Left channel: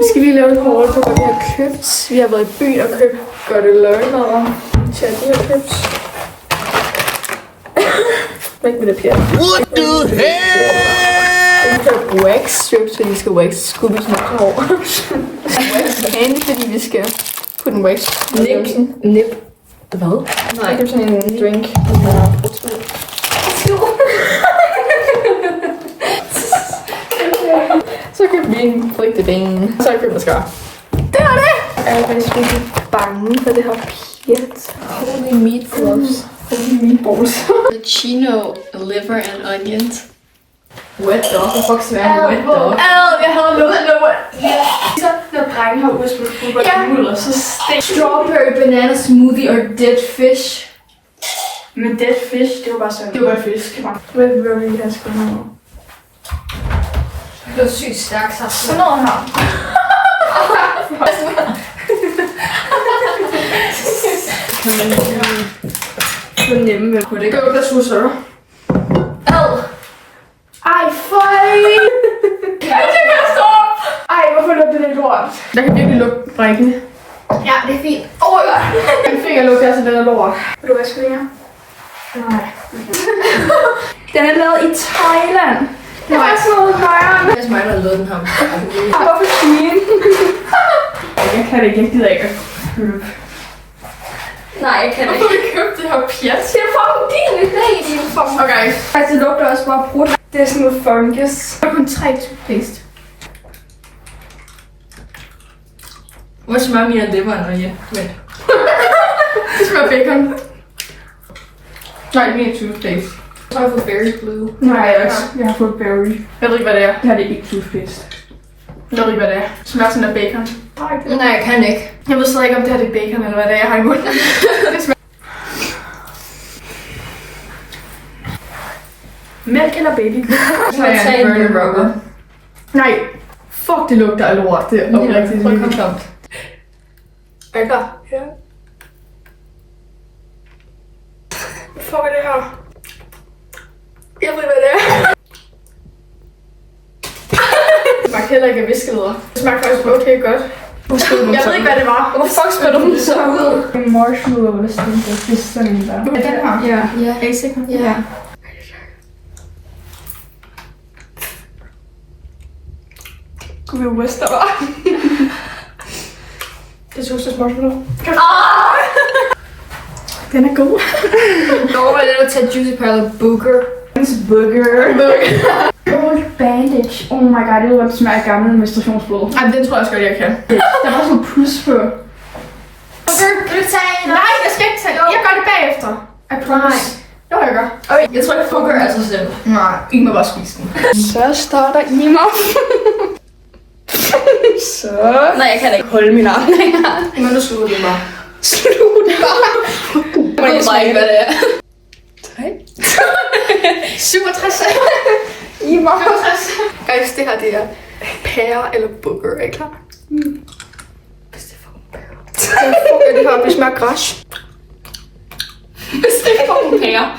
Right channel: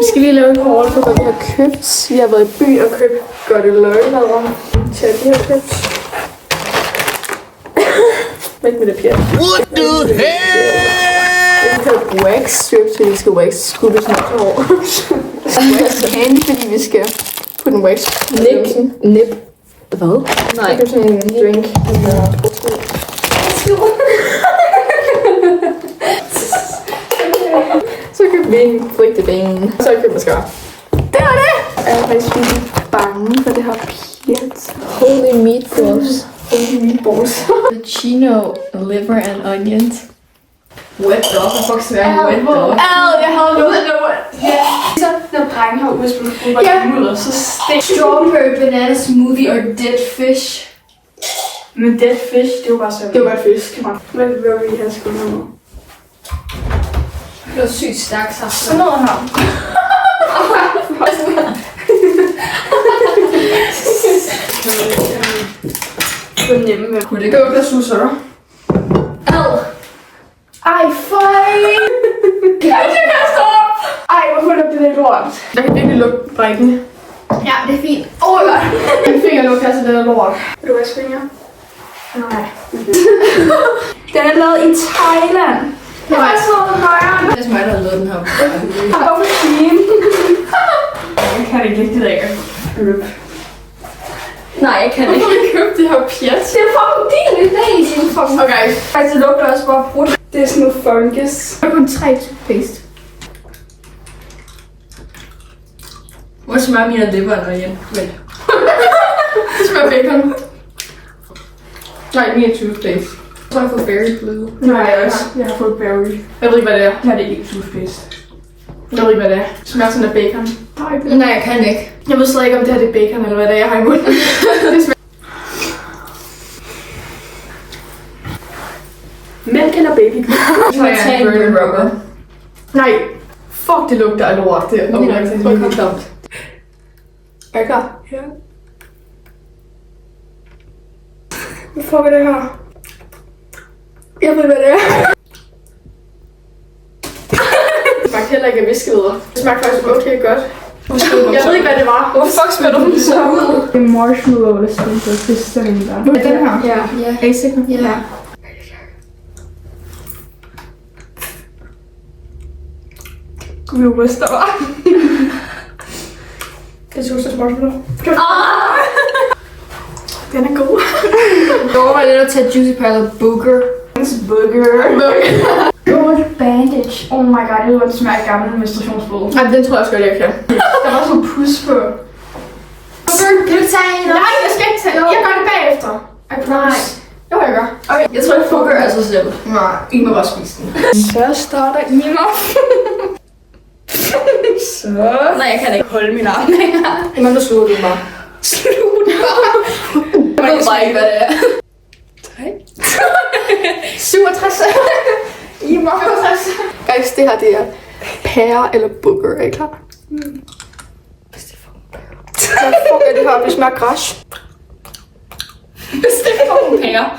Vi skal lige lave et haul på, hvad vi har købt. Vi har været i byen og købt godt løgmad til at de har købt. Væk med det pjat. What the hell? Vi har købt wax strips, fordi vi skal wax Scooby's hår. Wax candy, fordi vi skal putte en wax. Nip. Hvad? Nej. Jeg købte sådan en drink. Så købte vi en frygteben. Så købte mascara. Det var det! Jeg er faktisk virkelig bange for det her pjat. Holy meatballs. Holy meatballs. The chino, liver and onions. Wet dog. Hvad fuck skal være en wet dog? Jeg havde lukket det. Så når drengen har udspillet fodbold i mudder, så stik. Strawberry banana smoothie or dead fish. Men dead fish, det var bare sådan. Det var bare fisk. Hvad vil vi have sgu med? Det var sygt stærkt saft. Sådan noget her. Fornemme med. Kunne det Det var bare susser. Ej, fej! Jeg kan stå op! Ej, hvorfor lugter det lort? Jeg kan virkelig lugte brækken. Ja, det er fint. Min finger lugter altså den er lort. Vil du vaske fingre? Nej. Den er lavet i Thailand. Det var sådan noget højere. Det er mig, der har lavet den her. Hvorfor svin? Jeg kan det ikke rigtig ikke købe. Nej, jeg kan ikke. Hvorfor vil købe det her pjat? Det er fucking din idé, din fucking. Okay. Faktisk, det lugter også bare brudt. Det er sådan noget fungus. Der er kun 3 toothpaste. Hvor smager mere liver end onion? Vent. Det smager bacon. Nej, mere toothpaste. Så har jeg fået berry blue. Nej, jeg har fået berry. Jeg ved ikke, hvad det er. Det her det er ikke toothpaste. Jeg ved ikke, hvad det er. Det smager sådan af bacon. Nej, jeg kan ikke. Jeg ved slet ikke, om det her det er bacon, eller hvad det er, jeg har i munden. Det smager. Mælk eller baby? Så har jeg en burn rubber. Nej. Fuck, det lugter af lort. Det er okay, rigtig Prøv at komme. Er jeg klar? Ja. Hvad fuck er det her? Jeg ved, hvad det er. Det smagte heller ikke af viskevidder. Det smagte faktisk okay godt. Jeg ved ikke, hvad det var. Hvorfor fuck spiller du det så ud? En marshmallow eller sådan noget. Det er sådan en der. Den her? Ja. Er I sikre? Ja. Vi ryster bare. Det er Sustas marshmallow. Den er god. Jeg overvejer at tage Juicy Pearl Booger. Bandage. Oh my god, det var det smager af gammel menstruationsblod. Ej, den tror jeg også godt, jeg kan. Der var sådan en pus på. Booger, kan du tage en? Nej, jeg skal ikke tage. Jeg gør det bagefter. Nej. Jo, jeg gør. Okay. Jeg tror ikke, Booger er så selv. Nej, I må bare spise den. Så starter I mig. Så. Nej, jeg kan ikke. Hold min arm. Men der slutter det bare. Slutter Jeg ved bare ikke, hvad det er. 67. I var 67. Guys, det her det er pære eller booger, er I klar? Hvis det er fucking pære. Hvad fuck er det her? Det smager græs. Hvis det er fucking pære.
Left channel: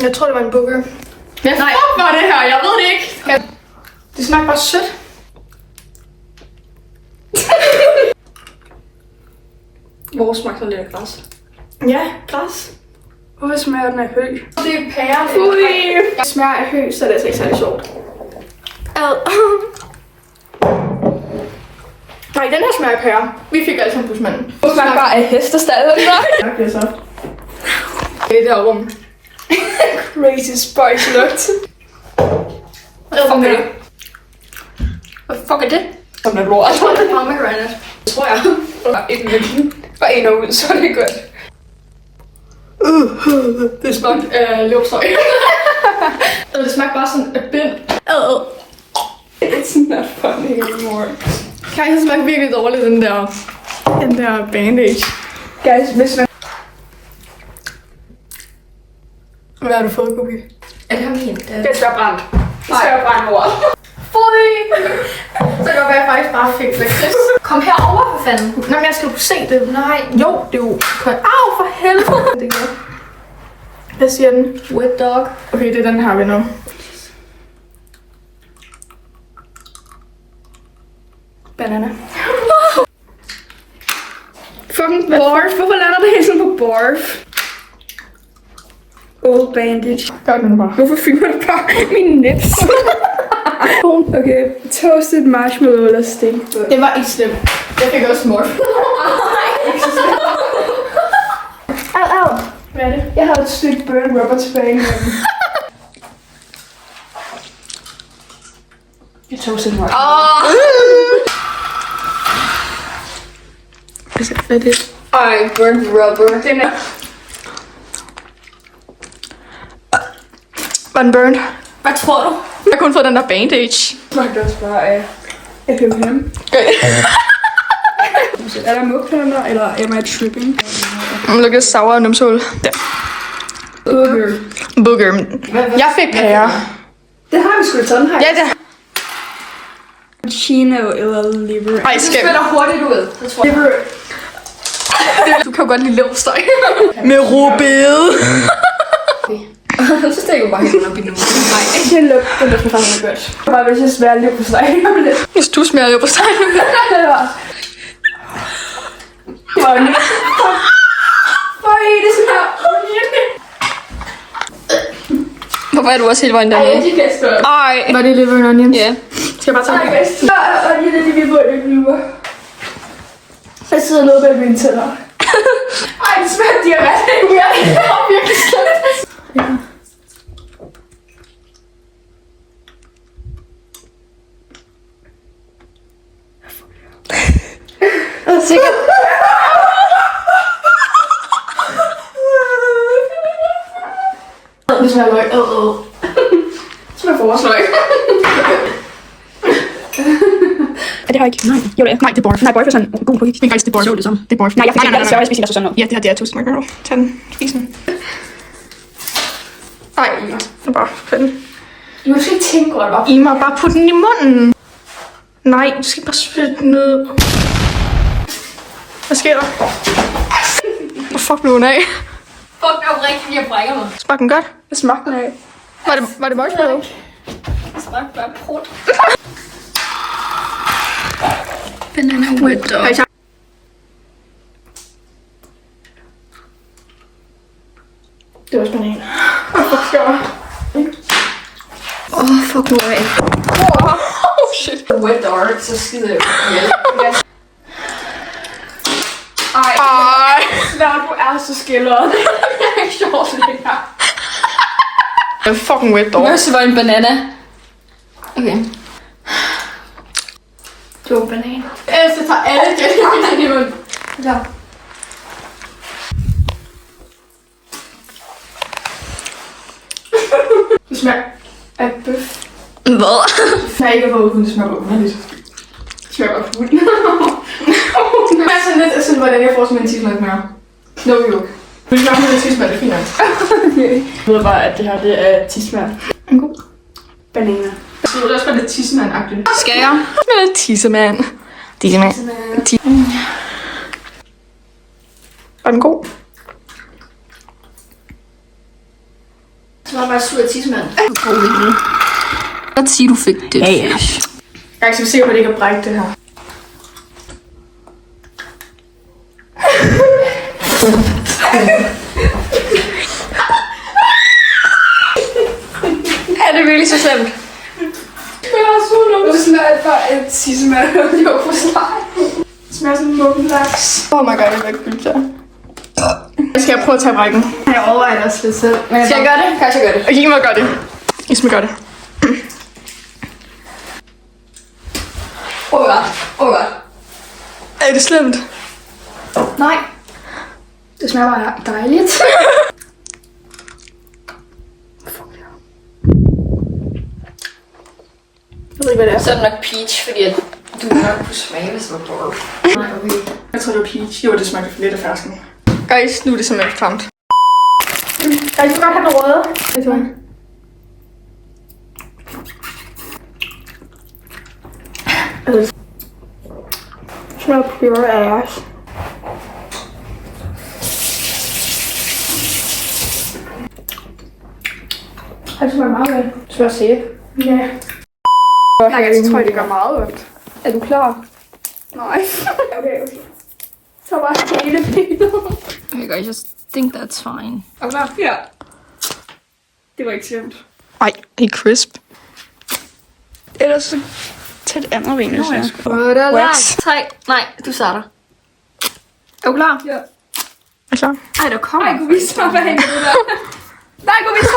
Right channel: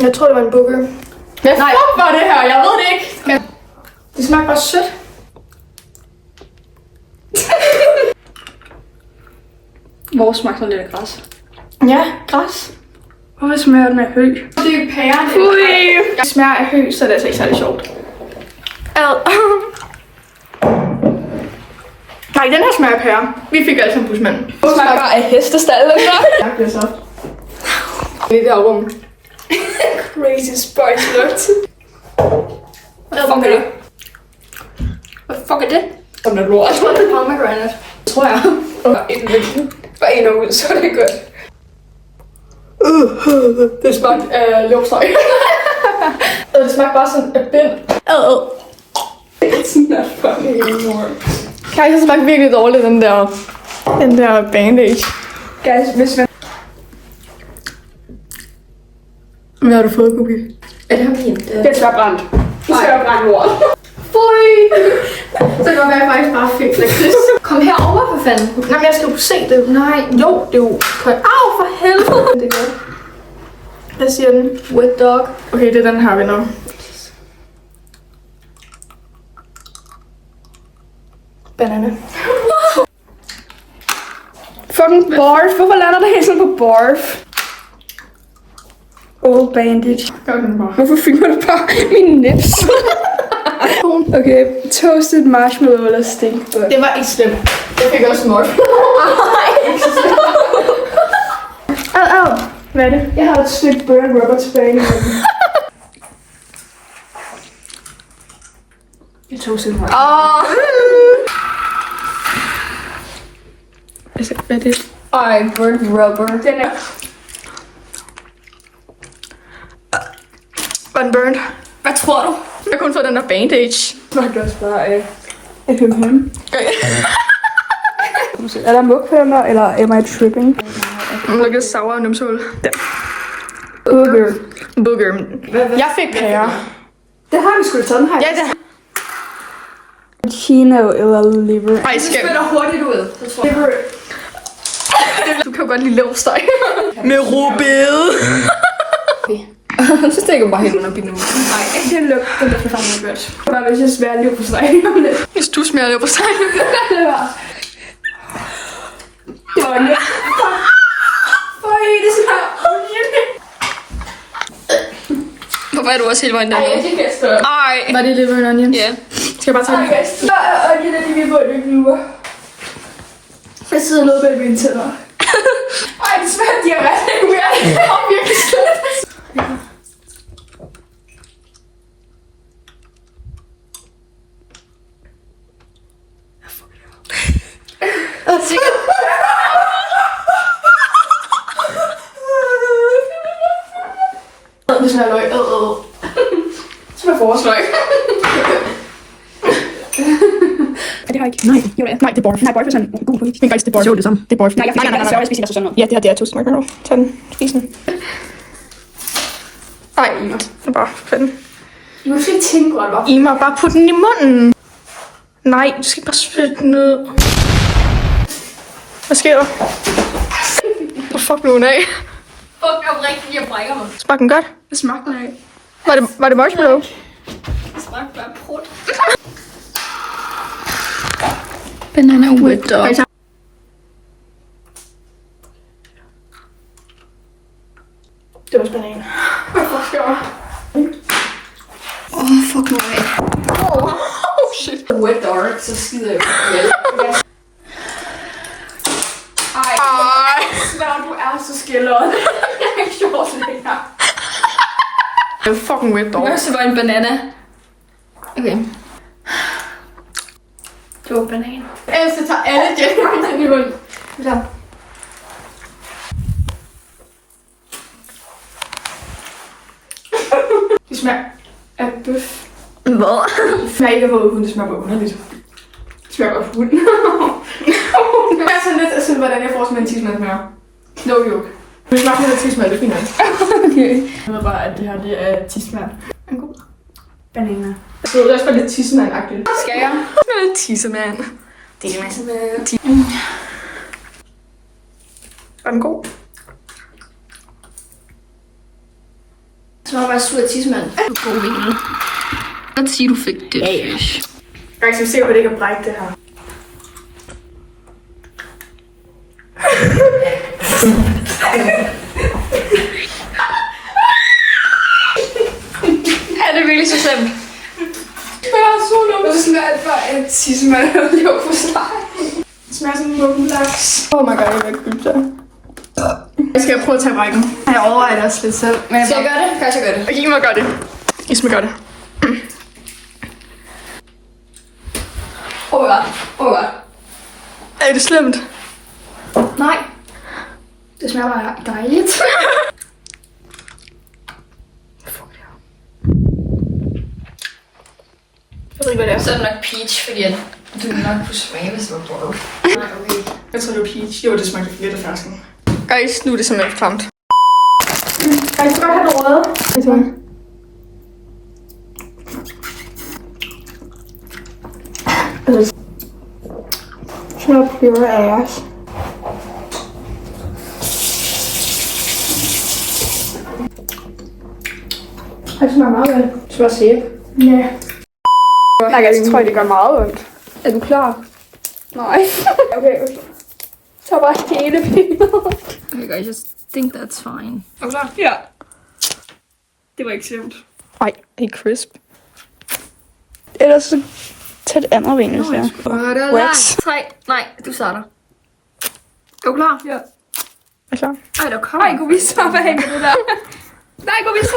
Jeg tror, det var en booger. Hvad fuck var det her? Jeg ved det ikke. Det smager bare sødt. Hvor smagte sådan lidt af græs? Ja, græs. Hvorfor smager den af hø? Det er pære. Fui! Jeg smager af hø, så det er altså ikke særlig sjovt. Ad. Nej, den her smager af pære. Vi fik alle sammen busmanden. Det smager bare af hestestallen, så. Det er så. Det er der rum. Crazy spice nuts. Hvad fuck er det? Hvad fuck er det? Som er lort. Jeg tror, det er pomegranate. Tror jeg. Bare en ud, så er det godt. Det smagte af leverpostej. Det smagte bare sådan af bind. It's not funny anymore. Guys, det smagte virkelig dårligt, den der bandage. Guys, hvis man... Hvad har du fået, Cookie? Er det her fint? Det smager brændt. Det smager brændt lort. Fui! Så kan det godt være, at jeg faktisk bare fik lakrids. Kom herover for fanden. Nej, men jeg skal jo se det. Nej, jo, det er jo... Au, for helvede! Det er godt. Hvad siger den? Wet dog. Okay, det er den her, vi nu. Banana. Fucking barf. Hvorfor lander det hele sådan på barf? Old bandage. Hvorfor filmer du bare mine nips? Okay, toasted marshmallow eller steak. Det var ikke slemt. Jeg fik også mord. Au. Hvad er det? Jeg har et stykke burn rubber tilbage i munden. Jeg toasted marshmallow. Hvad er det? Ej, burnt rubber. Den er... Var den burnt? Hvad tror du? Jeg har kun fået den der bandage. Jeg kan også bare af FMM. Er der mugpænder, eller am I tripping? Look at sour numsehul. Der. Booger. Jeg fik pære. Det har vi sgu da sådan her. Ja, det Chino eller liver. Ej, Det spænder hurtigt ud. Så tror jeg. Liver. Du kan jo godt lide leverpostej. Med rødbede. Så stikker du bare helt nok i nu. Nej. Det lugter faktisk godt. Bare hvis jeg smager leverpostej. Hvis du smager leverpostej. Det var lidt. Øj, det smager. Hvorfor er du også helt vejen dernede? Ej, det kan jeg spørge. Ej. Var det liver and onions? Ja. Skal jeg bare tage det? Ja, og lige det, vi må det nu. Jeg sidder noget bag mine tænder. Ej, det smager diarré. Det er virkelig slemt. Sikkert. Det smager løg. Det smager forårsløg. Det har jeg ikke. Nej, jo det er. Nej, det er borf. Nej, borf er sådan god på. Men faktisk det er borf. Det er borf. Nej, jeg spiser sådan noget. Ja, det her det er toast marshmallow. Tag den. Spis den. Ej, det er bare den. Du skal ikke tænke over det. I må bare putte den i munden. Nej, du skal bare spytte den ned. Hvad sker der? Hvor fuck blev hun af? Fuck, det er rigtigt, jeg brækker mig. Smagte den godt? Hvad smagte den af? Var det marshmallow? Det smagte bare prut. Banana whipped up. Det var også banan. Fuck, skal jeg? Fuck nu af. Shit. Wet dark, så skider jeg jo. Ej. Svær, du er så skilleret. Jeg er ikke sjovt det her. Det er fucking wet dog. Første var en banana. Okay. Det var banan. Ellers jeg tager alle det i munden. Ja. Det smager af bøf. Hvad? Det smager ikke af vågen, det smager af underligt. Det smager af hund. Det er sådan lidt sådan, hvordan jeg får sådan en tismad smager. No joke. Du smager sådan lidt tismad, det er fint nok. Okay. Jeg ved bare, at det her det er tismad. En god. Bananer. Så det er også bare lidt tissemand-agtigt. Skal jeg? Tissemand. Tissemand. Var den god? Så var bare sur tidsmand. God vinkel. Godt sige, du fik det. Jeg skal se, på det ikke har brækket det her. Er det virkelig så slemt? Det er så lukket. Det smager bare et tissemand. Det var for slet. Det smager sådan en mummelaks. Oh my god, jeg vil ikke gylde der. Jeg skal prøve at tage brækken. Jeg overvejer det også lidt selv. Skal jeg gøre det? Kan jeg gøre det? Okay, I må gøre det. I må gøre det. Oh my god. Oh my god. Er det slemt? Nej. Det smager bare dejligt. Jeg ved ikke, hvad det er. Så er det nok peach, fordi at du nok kunne smage, hvis det var dårligt. Nej, okay. Jeg tror, det var peach. Jo, det smagte lidt af fersken. Guys, nu er det simpelthen klamt. Guys, du kan godt have noget røde. Det er det smager pure ass. Det smager meget godt. Så jeg se. Ja. Nej, jeg tror, det gør meget ondt. Er du klar? Nej. Okay. Så bare hele billedet. Okay guys, I think that's fine. Er du klar? Ja. Det var ikke slemt. Ej, det er crisp. Ellers så tag det andet ben, hvis jeg. Wax. 3. Nej, du starter. Er du klar? Ja. Er klar? Ej, der kommer. Nej, kunne vi så, hvad hænger du der? Nej, kunne vi så,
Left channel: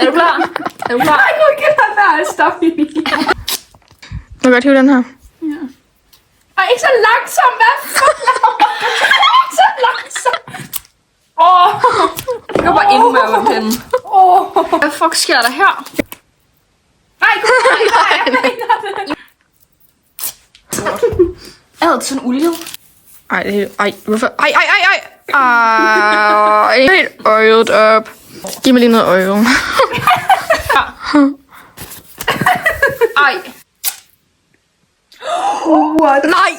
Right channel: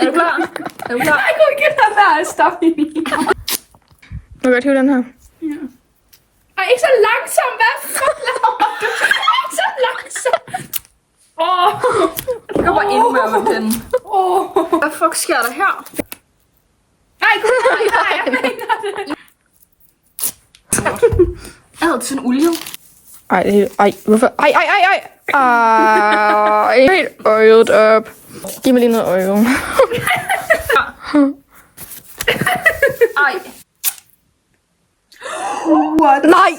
Er du klar? Er du klar? Nej, kunne vi ikke lade være at stoppe i min. Må jeg godt hive den her? Ja. Ej, ikke så langsomt, hvad fuck laver du? Ikke så langsomt. Jeg går bare endnu mere med den. Hvad fuck sker der her? Nej, kunne vi ikke? Nej, jeg mener det. Jeg havde sådan olie. Ej, det er helt... Ej, hvorfor? Ej. Ej, helt øjet op. Giv mig lige noget øje. Ej. What? Nej!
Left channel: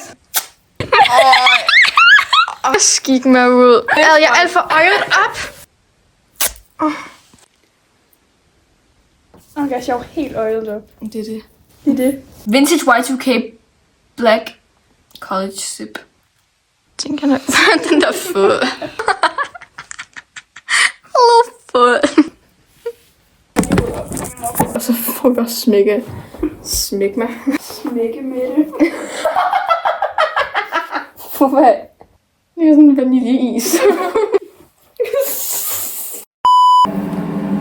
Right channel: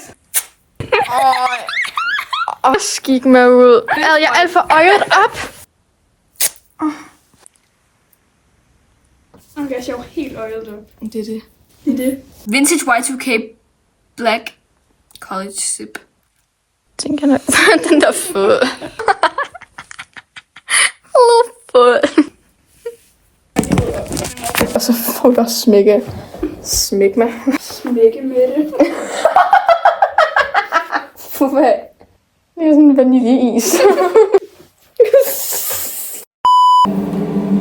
Skik mig ud. Er jeg alt for øjet op? Okay, så jeg var helt øjet op. Det er det. Det er det. Vintage Y2K Black College Sip. Den kan den der fod. Fod. Og så får vi også smæk mig. Smække med det. For hvad? Det er sådan en vaniljeis. Er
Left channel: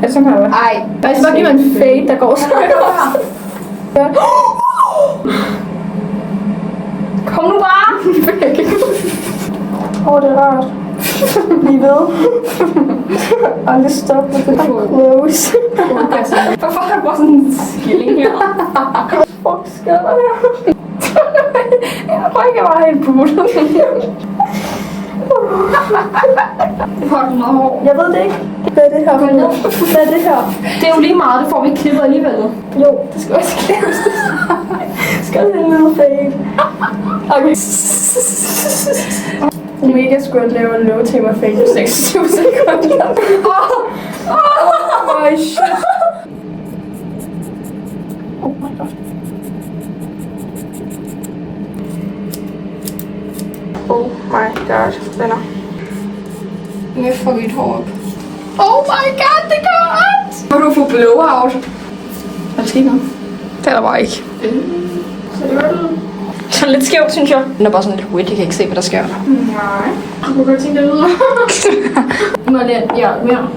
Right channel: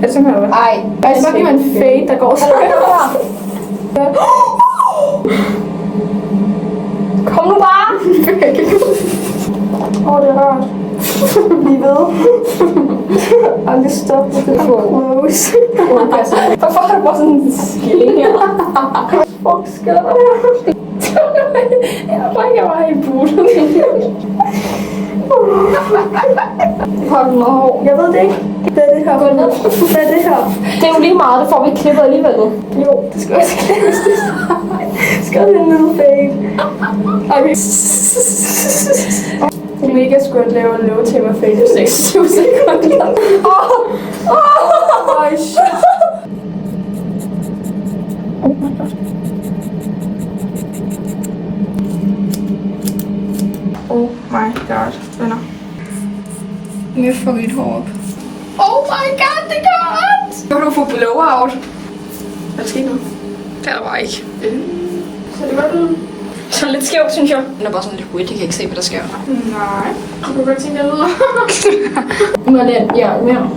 det sådan her? Ej. Jeg skal bare give mig en fade, der går sådan her. Kom nu bare! Det er rart. Lige ved. Aldrig stop med det. I'm close. Hvorfor har du bare sådan en skilling her? Fuck, sker der her? Jeg tror ikke, jeg var helt buttet. Hold nu hår. Jeg ved det ikke. Hvad er det her? Hvad er det her? Det er jo lige meget, det får vi klippet alligevel. Jo, det skal også klippes. Skal det en lille fade? Okay. Omega skulle lave en low tamer fade i 26 sekunder. Oh shit. Oh my god. Oh my god, venner. Nu får vi et hår op. Oh my god, det går ondt! Må du få blowout? Hvad skal nu? Det er der bare ikke. Så det godt ud? Sådan lidt skævt, synes jeg. Den er bare sådan lidt hurtigt, jeg kan ikke se, hvad der sker. Nej. Du kan godt tænke dig videre. Må jeg mere?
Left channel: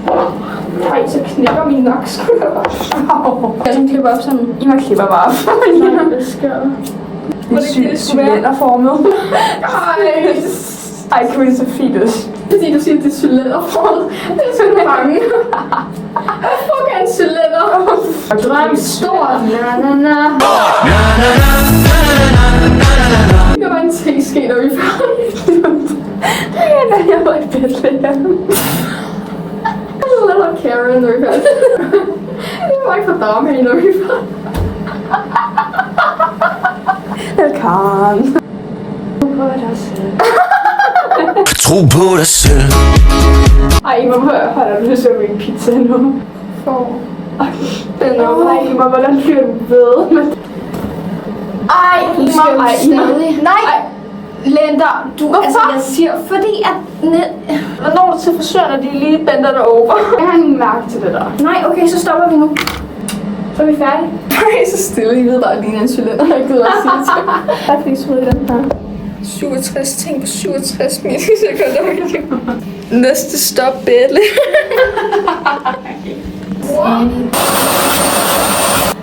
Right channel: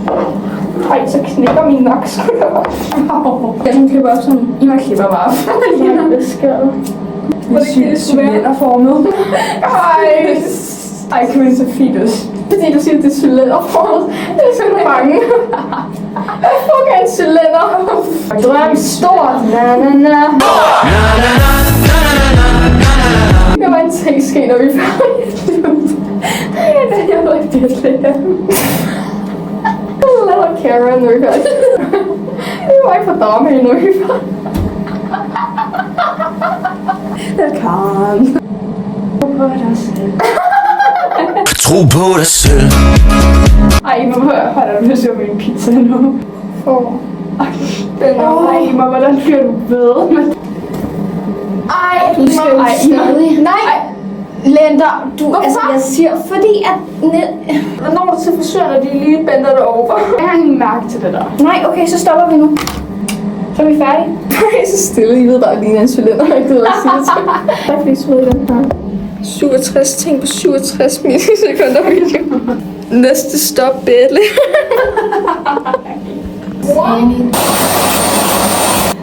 Ej, så knækker min nakkeskulder. Jeg sådan klipper op sådan. I mig klipper bare op. Nej, det sker. Det er sygt cylinderformet. Ej, kan vi så fetus. Fordi du siger, at det er cylinderformet. Det er sådan bange. Hvad fuck er en cylinder? Drøm stort. Jeg var en teske, når vi er færdige. Jeg var i Bethlehem. Jeg var Karen, når vi er færdige. Jeg var ikke for dame, når vi er færdige. Velkommen. Tro på dig selv. Ej, hvor har du lyst til at blive pizza nu? Den er Ej, hvordan bliver du ved? Ej, nej, Lender, altså jeg siger, fordi at... Når du til frisøren, og de lige bender dig over. Jeg har ingen mærke til det der. Nej, okay, så stopper vi nu. Så er vi færdige. Nej, så stille. I ved bare, at det er en cylinder, jeg gider at sige det til. Tak fordi I så i den her. 67 ting på 67 millisekunder. Næste stop, Bethlehem.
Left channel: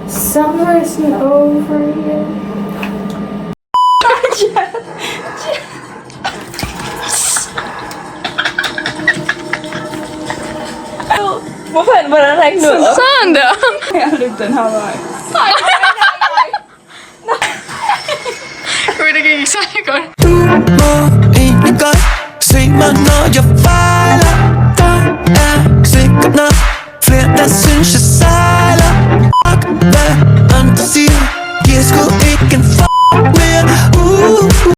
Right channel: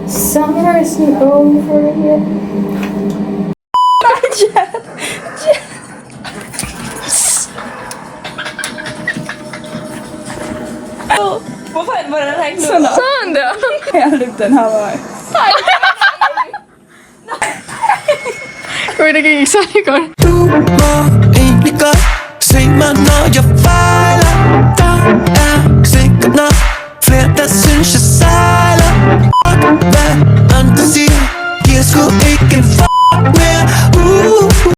Summer isn't over yet. Hvordan er ikke noget? Sådan der. Jeg løb den her vej. Det gik ikke særlig godt. Du må egentlig godt se mig, når jeg fejler. Der er sikkert nok flere, der synes jeg